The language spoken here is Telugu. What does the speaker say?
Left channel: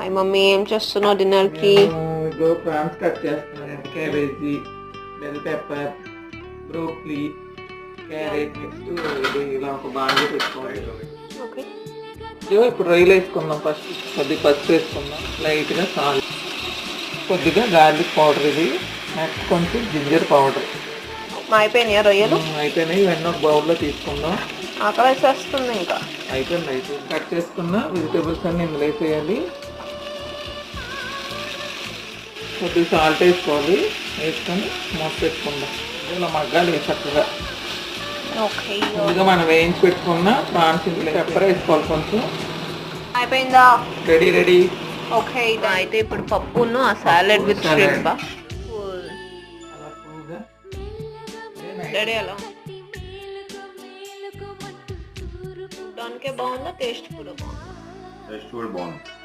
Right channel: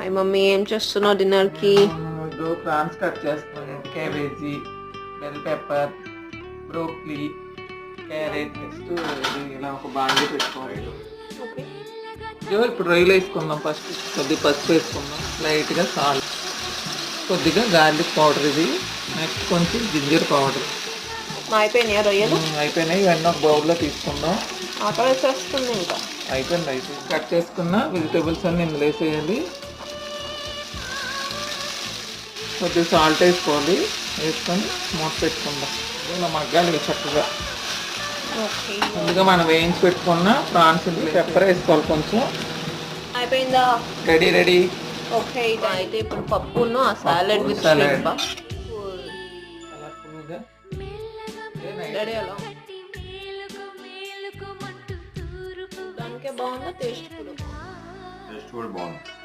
హాయ్ మమ్మీ ఏం చేస్తున్నావు డిన్నర్కి నేను ఇదో ప్రాన్స్ కట్ చేస్తున్నాను. Cabbage bell pepper broccoli carrot next ఇలా ఒక బాండీ పెట్టుకోవాలి ఓకే ఇప్పుడు రొయ్యలు వేసుకుందాం ఫస్ట్ కొద్దిగా పసుపు వేసుకుందాం. లైట్గా సాల్ట్. కొద్దిగా గార్లిక్ పౌడర్ ఇది. నెక్స్ట్ కొంచెం జింజర్ పౌడర్ అయిపోయినాయా రొయ్యలు? అయిపోయినాయి. ఇవన్నీ ఒక బౌల్లో తీసుకుందాం. ఆకలి వేసేస్తుంది ఇంకా. అయిపోయింది అయిపోయింది. కట్ చేసుకున్న వెజిటేబుల్స్ అన్ని ఇందులో వేసేయాలి. కొద్దిగా సాల్ట్ వేసుకోవాలి. వేసుకొని మూత పెట్టుకుందాం. ఇలా మగ్గాలి చక్కగా. ఓకే. ముందుగా మనం వేయించి పెట్టుకున్న ప్రాన్స్ పెప్పర్ వేసుకోవాలి కొంచెం. అయిపోయిందా? Ready ready. ఓకే అయితే ఇప్పుడు పప్పును ఆ సాలెడ్ విత్ కూల్గా రెడీ అలా దానికే బాగుందా? టేస్ట్ కూడా బాగుందా? టేస్ట్ కూడా బాగుంది.